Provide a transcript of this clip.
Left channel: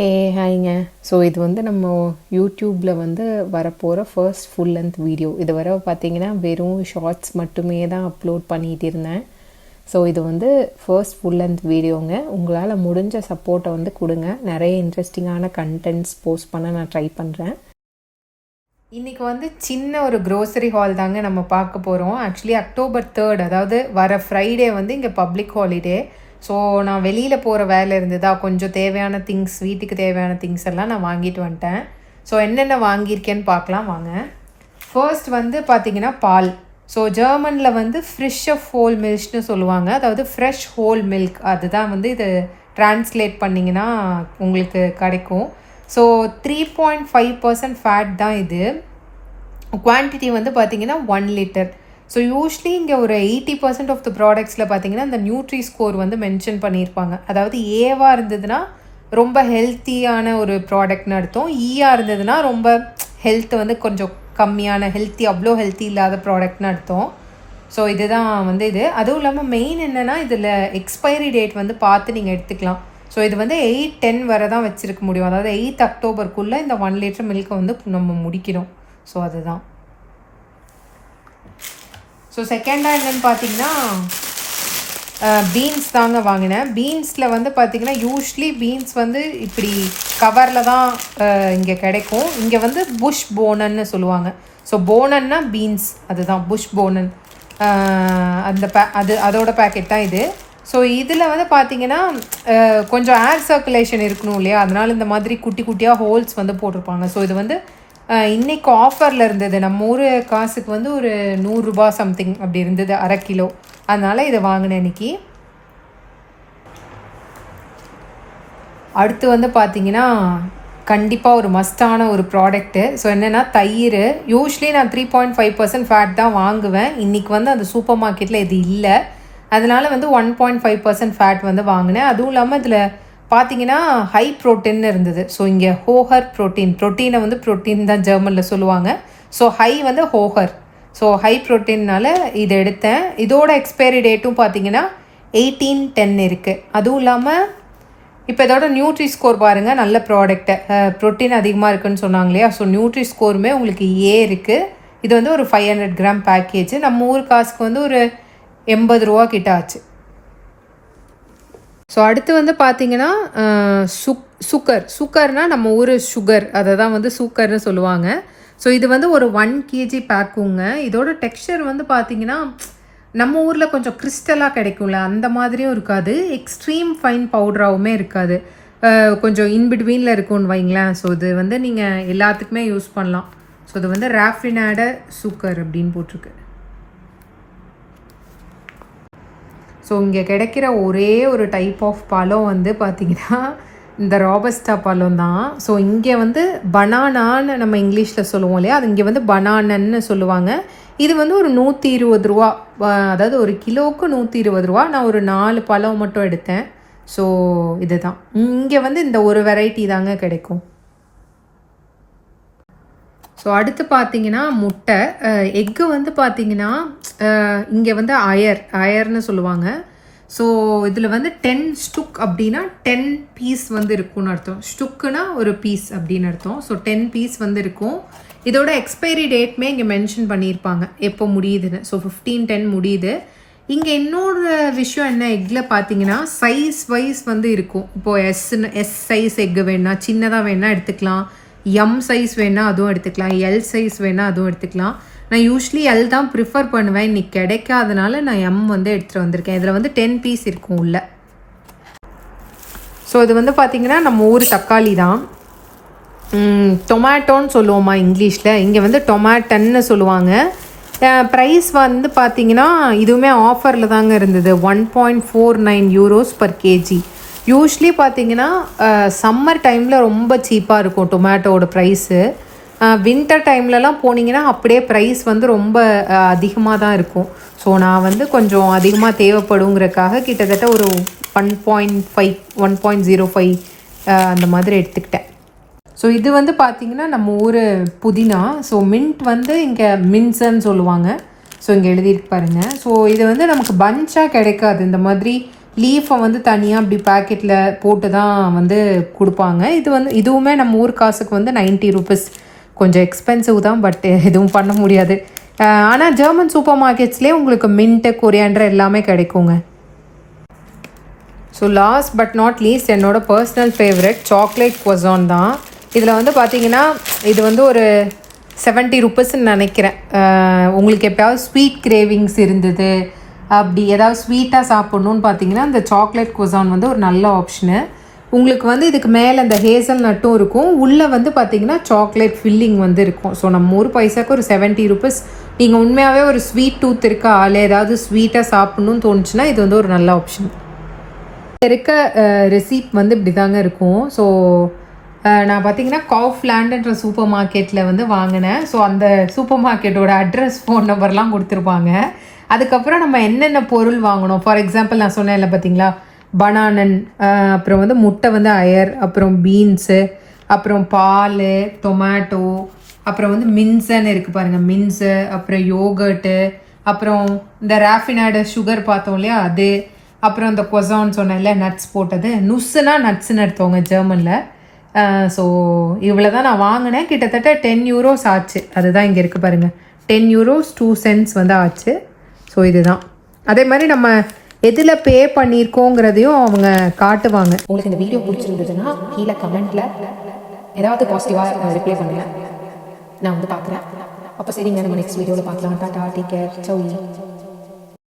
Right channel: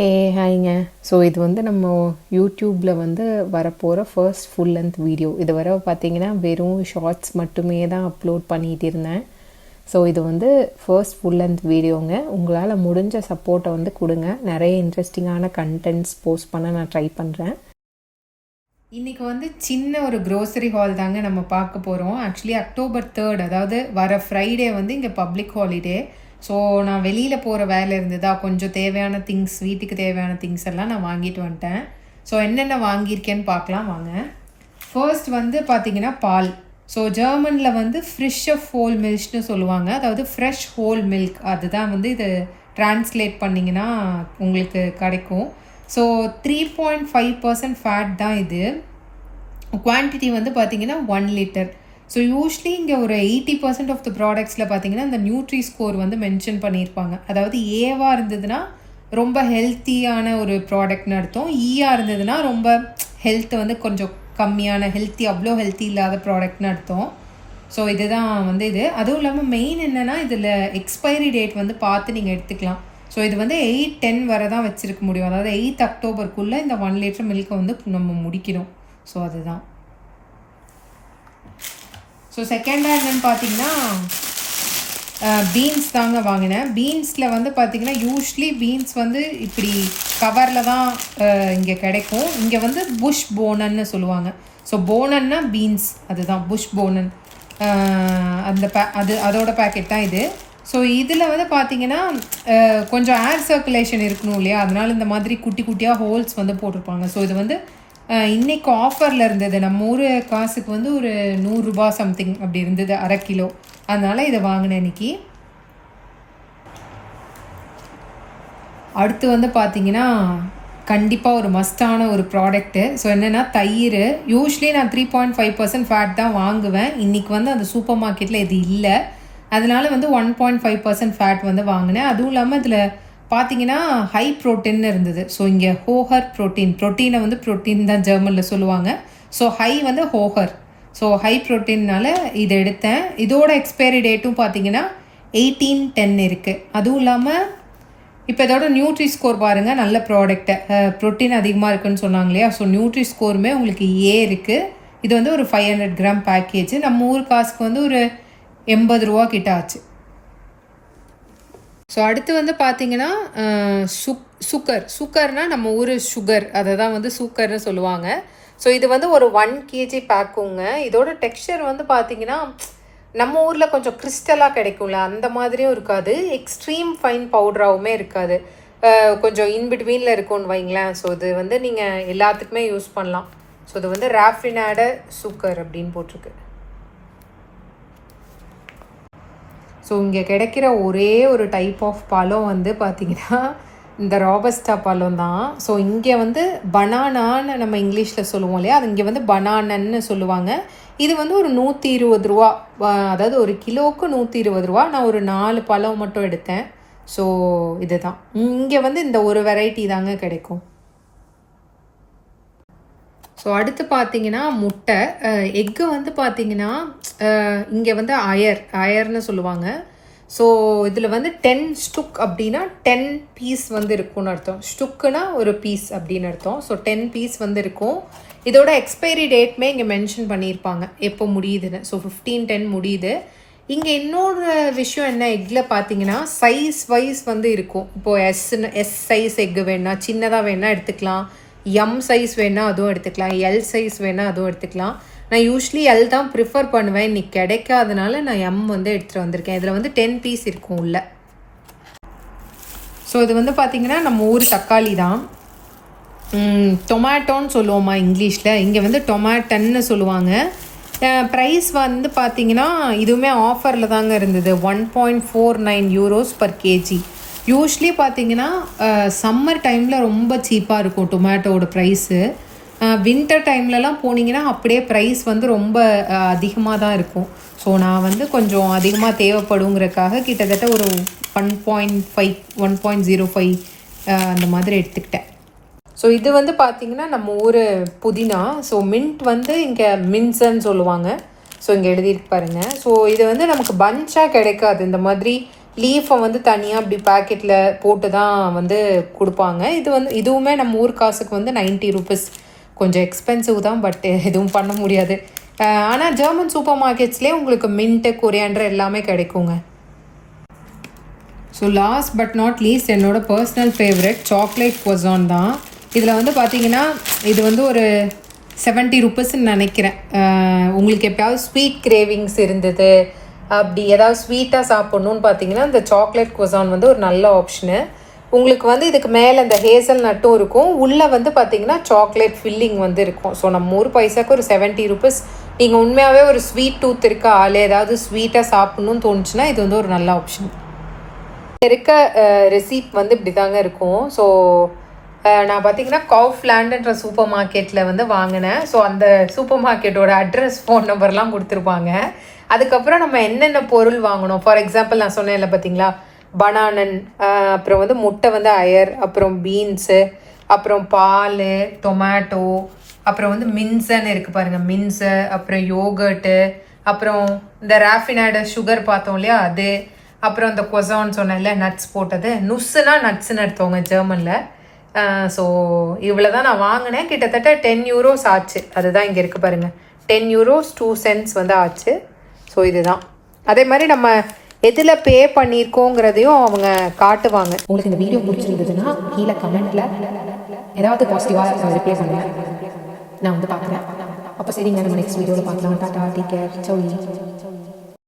ஹே ஹாய்ங்க. So இது வந்து நம்ம யூடியூப்பில் வந்து வரப்போகிற ஃபர்ஸ்ட் ஃபுல் லென்த் வீடியோ. இது வர பார்த்தீங்கன்னா வெறும் ஷார்ட்ஸ் மட்டுமே தான் அப்லோட் பண்ணிகிட்டு இருந்தேன். ஸோ இது வந்து ஃபர்ஸ்ட் ஃபுல் லென்த் வீடியோங்க. உங்களால் முடிஞ்ச சப்போர்ட்டை வந்து கொடுங்க. நிறைய இன்ட்ரெஸ்டிங்கான கண்டென்ட்ஸ் போஸ்ட் பண்ண நான் ட்ரை பண்ணுறேன். இன்றைக்கி வந்து சின்ன ஒரு க்ரோசரி ஹால் தாங்க நம்ம பார்க்க போகிறோம். ஆக்சுவலி October 3, அதாவது வர ஃப்ரைடே வந்து இங்கே பப்ளிக் ஹாலிடே. ஸோ நான் வெளியில் போகிற வேலை இருந்ததா, கொஞ்சம் தேவையான திங்ஸ், வீட்டுக்கு தேவையான திங்ஸ் எல்லாம் நான் வாங்கிட்டு வந்துட்டேன். ஸோ என்னென்ன வாங்கியிருக்கேன்னு பார்க்கலாம் வாங்க. ஃபர்ஸ்ட் வந்து பார்த்திங்கன்னா பால். ஸோ ஜெர்மனில் வந்து ஃப்ரெஷ் ஆஃப் ஹோல் மில்க்னு சொல்லுவாங்க. அதாவது ஃப்ரெஷ் ஹோல் மில்க், அதுதான் வந்து இது ட்ரான்ஸ்லேட் பண்ணிங்கன்னா உங்களுக்கு கிடைக்கும். ஸோ 3.5% ஃபேட் தான் இது. குவான்டிட்டி வந்து பார்த்திங்கன்னா 1 லிட்டர். ஸோ யூஸ்வலி இங்கே ஒரு 80% ஆஃப் த ப்ராடக்ட்ஸில் பார்த்தீங்கன்னா இந்த நியூட்ரி ஸ்கோர் வந்து மென்ஷன் பண்ணியிருப்பாங்க. அதாவது ஏவாக இருந்ததுன்னா ரொம்ப ஹெல்த்தியான ஒரு ப்ராடக்ட்னு அர்த்தம். ஈயாக இருந்ததுன்னா ரொம்ப ஹெல்த் வந்து கொஞ்சம் கம்மியான ஹெல்த்தி, அவ்வளோ ஹெல்த்தி இல்லாத ப்ராடக்ட்னு அர்த்தம். ஸோ இதுதான் வந்து இது. அதுவும் இல்லாமல் மெயின் என்னென்னா இதில் எக்ஸ்பைரி டேட் வந்து பார்த்து நீங்கள் எடுத்துக்கலாம். ஸோ இது வந்து 8-10 வரை தான் வச்சுருக்க முடியும். அதாவது 8 அக்டோபருக்குள்ளே இந்த 1 லிட்டர் மில்கை வந்து நம்ம முடிக்கணும். ஸோ அதுதான். ஸோ செகண்டாக என்னென்னு பார்த்தீங்கன்னா பீன்ஸ் தாங்க வாங்கினேன். பீன்ஸில் வந்து பார்த்திங்கன்னா யூஸ்வலி பீன்ஸ் வந்து இப்படி கவரில் தான் இங்கே கிடைக்கும். இங்கே வந்து புஷ் போனன்னு சொல்லுவாங்க. ஸோ போனன்னா பீன்ஸ், அதுதான் புஷ் போனன். அதோட பேக்கெட் தான் இது. ஸோ இதில் வந்து பார்த்திங்கன்னா கொஞ்சம் ஏர் சர்க்குலேஷன் இருக்கணும் இல்லையா, அதனால் இந்த மாதிரி குட்டி குட்டியாக ஹோல்ஸ் வந்து போட்டிருப்பாங்க. ஸோ இது வந்து இன்றைக்கி ஆஃபரில் இருந்தது. நம்ம ஊர் காசுக்கு வந்து ஒரு 100 ரூபா சம்திங் அப்படி இருந்தது, அரை கிலோ. அதனால் இதை வாங்கினேன் இன்றைக்கி. அடுத்து வந்து பார்த்திங்கன்னா கண்டிப்பாக ஒரு மஸ்டான ஒரு ப்ராடக்ட்டு. ஸோ என்னென்னா தயிர். யூஸ்வலி நான் 3.5% ஃபேட் தான் வாங்குவேன். இன்றைக்கி வந்து அந்த சூப்பர் மார்க்கெட்டில் இது இல்லை. அதனால் வந்து 1.5% ஃபேட் வந்து வாங்கினேன். அதுவும் இல்லாமல் இதில் பார்த்தீங்கன்னா ஹை ப்ரோட்டீன் இருந்தது. ஸோ இங்கே ஹோஹர் ப்ரோட்டீனை வந்து ப்ரோட்டீன் தான் ஜெர்மனில் சொல்லுவாங்க. ஸோ ஹை வந்து ஹோஹர். ஸோ ஹை ப்ரோட்டீன்னால இதை எடுத்தேன். இதோட எக்ஸ்பைரி டேட்டும் பார்த்தீங்கன்னா 18-10 இருக்குது. அதுவும் இல்லாமல் இப்போ இதோட நியூட்ரி ஸ்கோர் பாருங்கள், நல்ல ப்ராடக்ட்டு. ப்ரோட்டீன் அதிகமாக இருக்குதுன்னு சொன்னாங்க இல்லையா. ஸோ நியூட்ரி ஸ்கோருமே உங்களுக்கு இருக்குது. இது வந்து ஒரு 500 கிராம் பேக்கேஜ். நம்ம ஊர் காசுக்கு வந்து ஒரு 80 ரூபா கிட்ட ஆச்சு. ஸோ அடுத்து வந்து பார்த்திங்கன்னா சுக்கர்னால் நம்ம ஊர் சுகர், அதை தான் வந்து சுக்கர்னு சொல்லுவாங்க. ஸோ இது வந்து ஒரு 1 kg பேக்குங்க. இதோட டெக்ஸ்சர் வந்து பார்த்திங்கன்னா நம்ம ஊரில் கொஞ்சம் கிறிஸ்டலாக கிடைக்கும்ல, அந்த மாதிரியும் இருக்காது. எக்ஸ்ட்ரீம் ஃபைன் பவுடராகவுமே இருக்காது. கொஞ்சம் இன்பிட்வீனில் இருக்கும்னு வைங்களேன். ஸோ இது வந்து நீங்கள் எல்லாத்துக்குமே யூஸ் பண்ணலாம். ஸோ இது வந்து ராஃபினாட சுகர் அப்படின்னு போட்டிருக்கு. ஸோ இங்கே கிடைக்கிற ஒரே ஒரு டைப் ஆஃப் பழம் வந்து பார்த்திங்கன்னா இந்த ராபஸ்டா பழம் தான். ஸோ இங்கே வந்து பனானான்னு நம்ம இங்கிலீஷில் சொல்லுவோம் இல்லையா, அது இங்கே வந்து பனானன்னு சொல்லுவாங்க. இது வந்து ஒரு 120 ரூபா, அதாவது ஒரு கிலோவுக்கு 120 ரூபா. நான் ஒரு 4 பழம் மட்டும் எடுத்தேன். ஸோ இதுதான் இங்கே வந்து இந்த ஒரு வெரைட்டி தாங்க கிடைக்கும். ஸோ அடுத்து பார்த்தீங்கன்னா முட்டை, எக்கு வந்து பார்த்தீங்கன்னா இங்கே வந்து அயர்னு சொல்லுவாங்க. ஸோ இதில் வந்து 10 ஸ்டுக் அப்படின்னா 10 பீஸ் வந்து இருக்கும்னு அர்த்தம். ஸ்டுக்குனா ஒரு பீஸ் அப்படின்னு அர்த்தம். ஸோ 10 பீஸ் வந்து இருக்கும். இதோட எக்ஸ்பைரி டேட்மே இங்கே மென்ஷன் பண்ணியிருப்பாங்க எப்போ முடியுதுன்னு. ஸோ 15/10 முடியுது. இங்கே இன்னொரு விஷயம் என்ன, எக்கில் பார்த்தீங்கன்னா சைஸ் வைஸ் வந்து இருக்கும். இப்போது எஸ் சைஸ் எக்கு வேணா, சின்னதாக வேணால் எடுத்துக்கலாம். எம் சைஸ் வேணால் அதுவும் எடுத்துக்கலாம். எல் சைஸ் வேணால் அதுவும் எடுத்துக்கலாம். நான் யூஸ்வலி எல் தான் ப்ரிஃபர் பண்ணுவேன். இன்றைக்கி கிடைக்காதனால நான் எம் வந்து எடுத்துகிட்டு வந்திருக்கேன். இதில் வந்து 10 பீஸ் இருக்கும் உள்ள. ஸோ இது வந்து பார்த்திங்கன்னா நம்ம ஊர் தக்காளி தான். டொமேட்டோன்னு சொல்லுவோமா இங்கிலீஷில், இங்கே வந்து டொமேட்டன்னு சொல்லுவாங்க. ப்ரைஸ் வந்து பார்த்திங்கன்னா இதுவுமே ஆஃபரில் தாங்க இருந்தது. 1.49 euros per kg. யூஸ்வலி பார்த்திங்கன்னா சம்மர் டைமில் ரொம்ப சீப்பாக இருக்கும் டொமேட்டோட ப்ரைஸு. வின்டர் டைம்லலாம் போனீங்கன்னா அப்படியே ப்ரைஸ் வந்து ரொம்ப அதிகமாக தான் இருக்கும். ஸோ நான் வந்து கொஞ்சம் அதிகமாக தேவைப்படுங்கிறக்காக கிட்டத்தட்ட ஒரு 1.05 அந்த மாதிரி எடுத்துக்கிட்டேன். ஸோ இது வந்து பார்த்திங்கன்னா நம்ம ஊர் புதினா. ஸோ மின்ட் வந்து இங்கே மின்சன்னு சொல்லுவாங்க. ஸோ இங்கே எழுதிட்டு பாருங்கள். ஸோ இது வந்து நமக்கு பஞ்சாக கிடைக்காது. இந்த மாதிரி லீஃபை வந்து தனியாக இப்படி பேக்கெட்டில் போட்டு தான் வந்து கொடுப்பாங்க. இது வந்து இதுவுமே நம்ம ஊர் காசுக்கு வந்து 90 ருபீஸ். கொஞ்சம் எக்ஸ்பென்சிவ் தான், பட் எதுவும் பண்ண முடியாது. ஆனால் ஜெர்மன் சூப்பர் மார்க்கெட்ஸ்லேயே உங்களுக்கு மின்ட்டு கொரியாண்டர் எல்லாமே கிடைக்குங்க. So last but not least என்னோட பர்சனல் ஃபேவரட் சாக்லேட் குவாசான் தான். இதில் வந்து பார்த்தீங்கன்னா இது வந்து ஒரு 70 ருபீஸ்ன்னு நினைக்கிறேன். உங்களுக்கு எப்போயாவது ஸ்வீட் கிரேவிங்ஸ் இருந்தது, அப்படி ஏதாவது ஸ்வீட்டாக சாப்பிட்ணுன்னு பார்த்தீங்கன்னா இந்த சாக்லேட் குவாசான் வந்து ஒரு நல்ல ஆப்ஷனு. உங்களுக்கு வந்து இதுக்கு மேலே இந்த ஹேசல் நட்டும் இருக்கும், உள்ளே வந்து பார்த்தீங்கன்னா சாக்லேட் ஃபில்லிங் வந்து இருக்கும். ஸோ நம்ம ஒரு பைசாக்கு ஒரு 70 ருபீஸ். நீங்கள் உண்மையாகவே ஒரு ஸ்வீட் டூத் இருக்க ஆள், ஏதாவது ஸ்வீட்டாக சாப்பிட்ணுன்னு தோணுச்சுன்னா இது வந்து ஒரு நல்ல ஆப்ஷன். இருக்க ரெசிப்ட் வந்து இப்படி தாங்க இருக்கும். ஸோ நான் பார்த்தீங்கன்னா காஃப்லேண்டுன்ற சூப்பர் மார்க்கெட்டில் வந்து வாங்கினேன். ஸோ அந்த சூப்பர் மார்க்கெட்டோட அட்ரஸ், ஃபோன் நம்பர்லாம் கொடுத்துருப்பாங்க. அதுக்கப்புறம் நம்ம என்னென்ன பொருள் வாங்கணும், ஃபார் எக்ஸாம்பிள் நான் சொன்னேன் இல்லை பார்த்தீங்களா, பனானன், அப்புறம் வந்து முட்டை வந்து அயர், அப்புறம் பீன்ஸு, அப்புறம் பால், டொமேட்டோ, அப்புறம் வந்து மின்ஸன்னு இருக்குது பாருங்கள், மின்ஸு, அப்புறம் யோகர்ட்டு, அப்புறம் இந்த ராஃபினாய்டு சுகர் பார்த்தோம் இல்லையா அது, அப்புறம் இந்த கொசான்னு சொன்னேன்ல நட்ஸ் போட்டது, நுஸ்ஸுனா நட்ஸ்ன்னு எடுத்தவங்க ஜெர்மனில். ஸோ இவ்வளோ தான் நான் வாங்கினேன். கிட்டத்தட்ட 10 யூரோஸ் ஆச்சு. அதுதான் இங்கே இருக்குது பாருங்கள், 10 யூரோஸ் 2 சென்ட்ஸ் வந்து ஆச்சு. ஸோ இதுதான். அதே மாதிரி நம்ம எதில் பே பண்ணியிருக்கோங்கிறதையும் அவங்க காட்டுவாங்க. உங்களுக்கு இந்த வீடியோ பிடிச்சிருந்ததுன்னா கீழே கமெண்ட்டில் ஏதாவது பாசிட்டிவாக ரிப்ளை பண்ணுங்கள், நான் வந்து பார்க்குறேன். அப்போ சரிங்க, நம்ம நெக்ஸ்ட் வீடியோவில் பார்க்கலாம். டாடா, டேக் கேர், சௌ.